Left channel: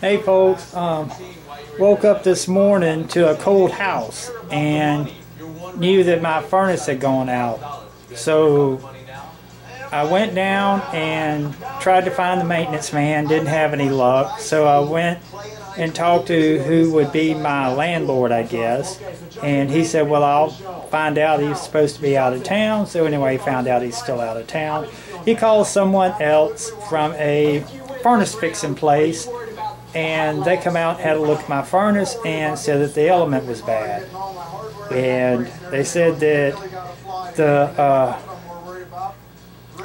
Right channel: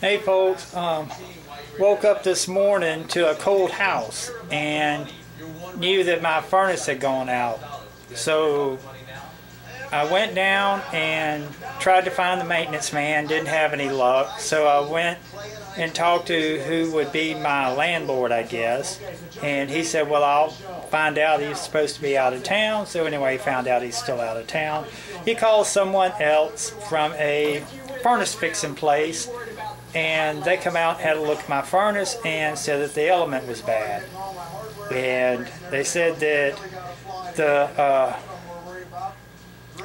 Hey folks, woke up this morning to a cold house and knew that my furnace had gone out. So I went down and tried to find the maintenance man, didn't have any luck. So I went and talked to who would be my landlord, I guess. And he said, well, I'll find out. He's supposed to be out of town. So anyway, he found out he's still out of town. He called someone else from a furnace fixing place, and they come out and had a look at my furnace and said that the element was bad. And they said that the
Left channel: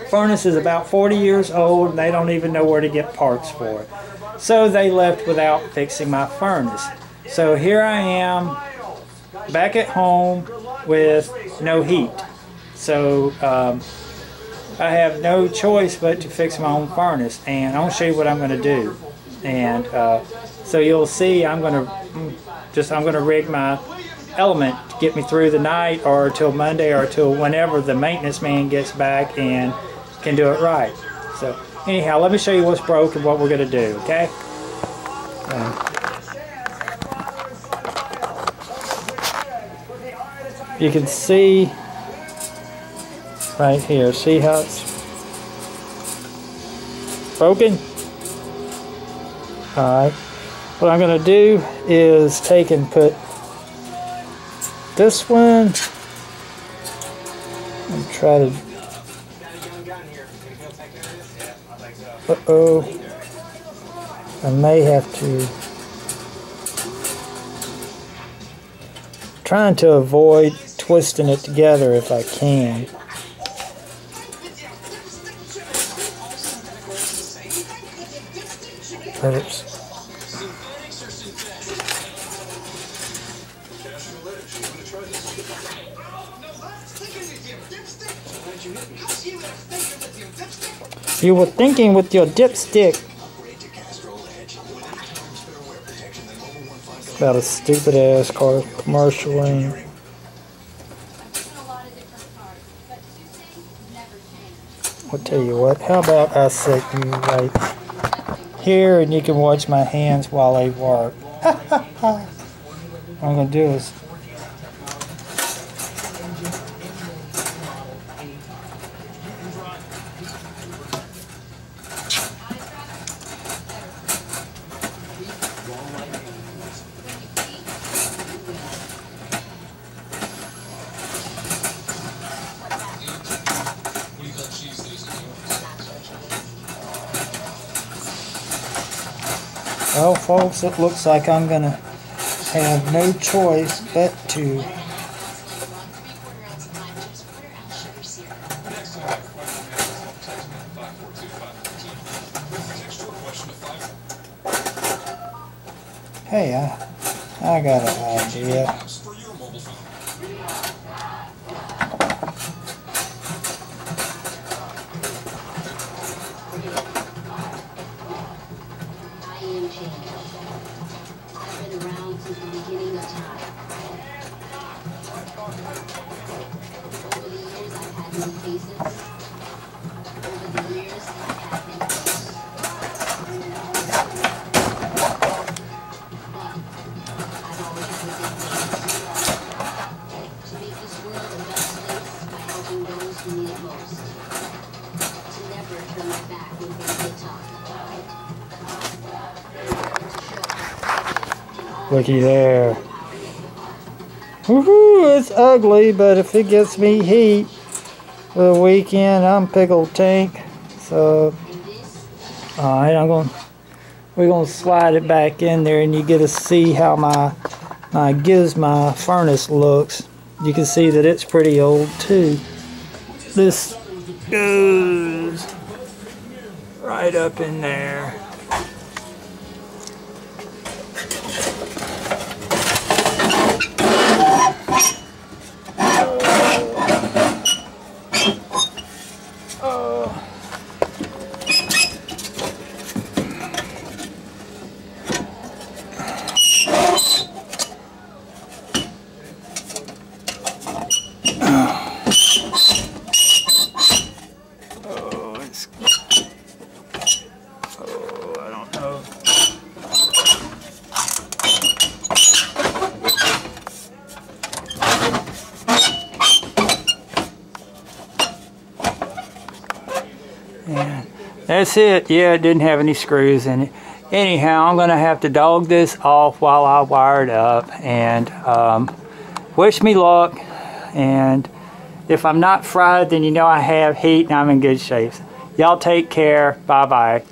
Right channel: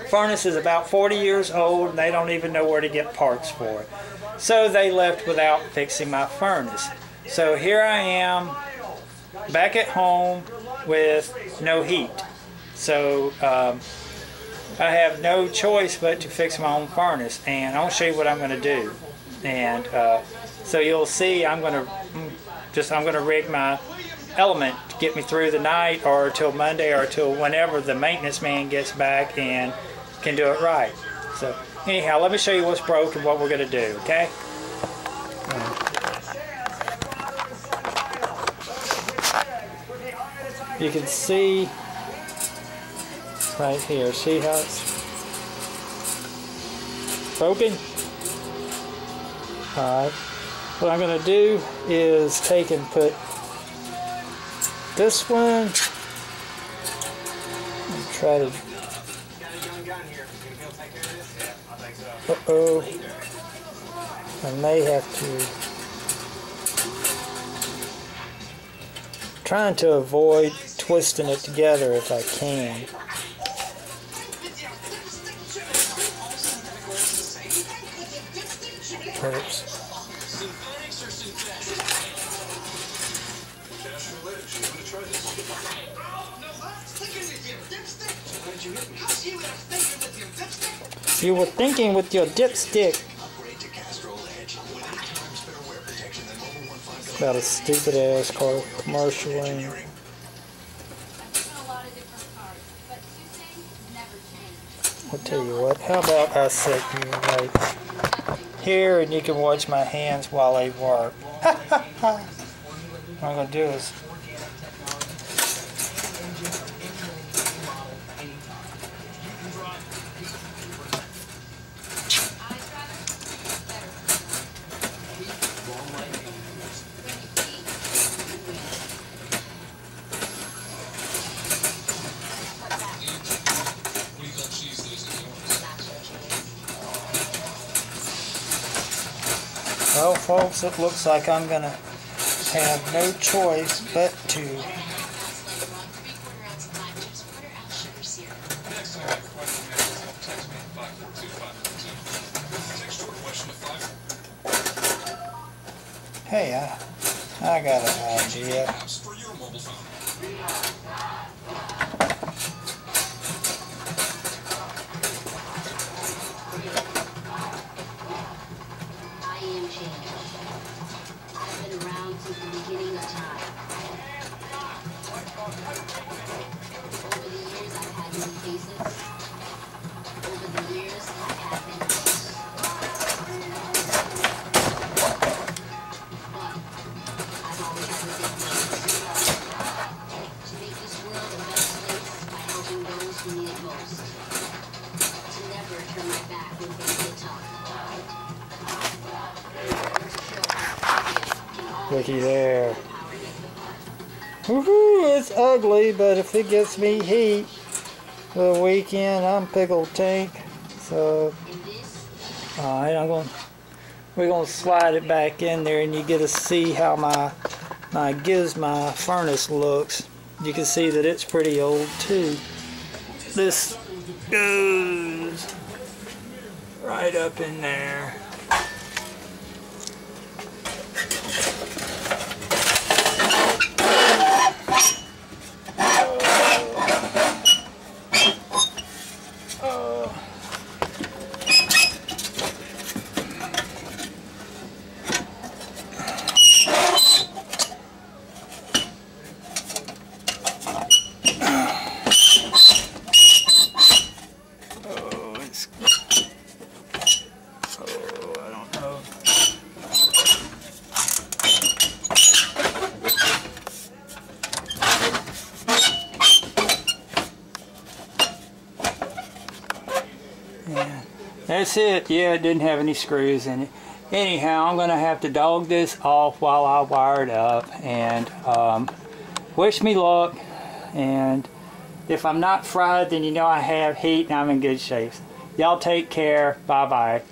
furnace is about 40 years old and they don't even know where to get parts for it. So they left without fixing my furnace. So here I am back at home with no heat. So I have no choice but to fix my own furnace, and I'll show you what I'm going to do. And so you'll see I'm going to rig my element to get me through the night or till Monday or till whenever the maintenance man gets back and can do it right. So anyhow, let me show you what's broke and what we're going to do, okay? You can see right here, see how it's broken? Alright, what I'm going to do is take and put this one and try to... Uh-oh. I may have to... Trying to avoid twisting it together if I can. Oops. You were thinking with your dipstick. About a stupid ass car commercial. I'll tell you what, how about I set you right here and you can watch my hands while they work. What I'm going to do is well, folks, it looks like I'm going to have no choice but to hey, I got an idea. I've been around since the beginning of time. Over the years, I've had many faces. Over the years, I've had many faces. But I've always had the same thing. To make this world a better place by helping those who need it most. To never turn my back when things get tough. Looky there. Woohoo! It's ugly, but if it gets me heat for the weekend, I'm pickled tank. So, alright, we're gonna slide it back in there, and you get to see how my furnace looks. You can see that it's pretty old too. This goes right up in there. That's it. Yeah, it didn't have any screws in it. Anyhow, I'm going to have to dog this off while I wire it up. And wish me luck. And if I'm not fried, then you know I have heat and I'm in good shape. Y'all take care. Bye-bye.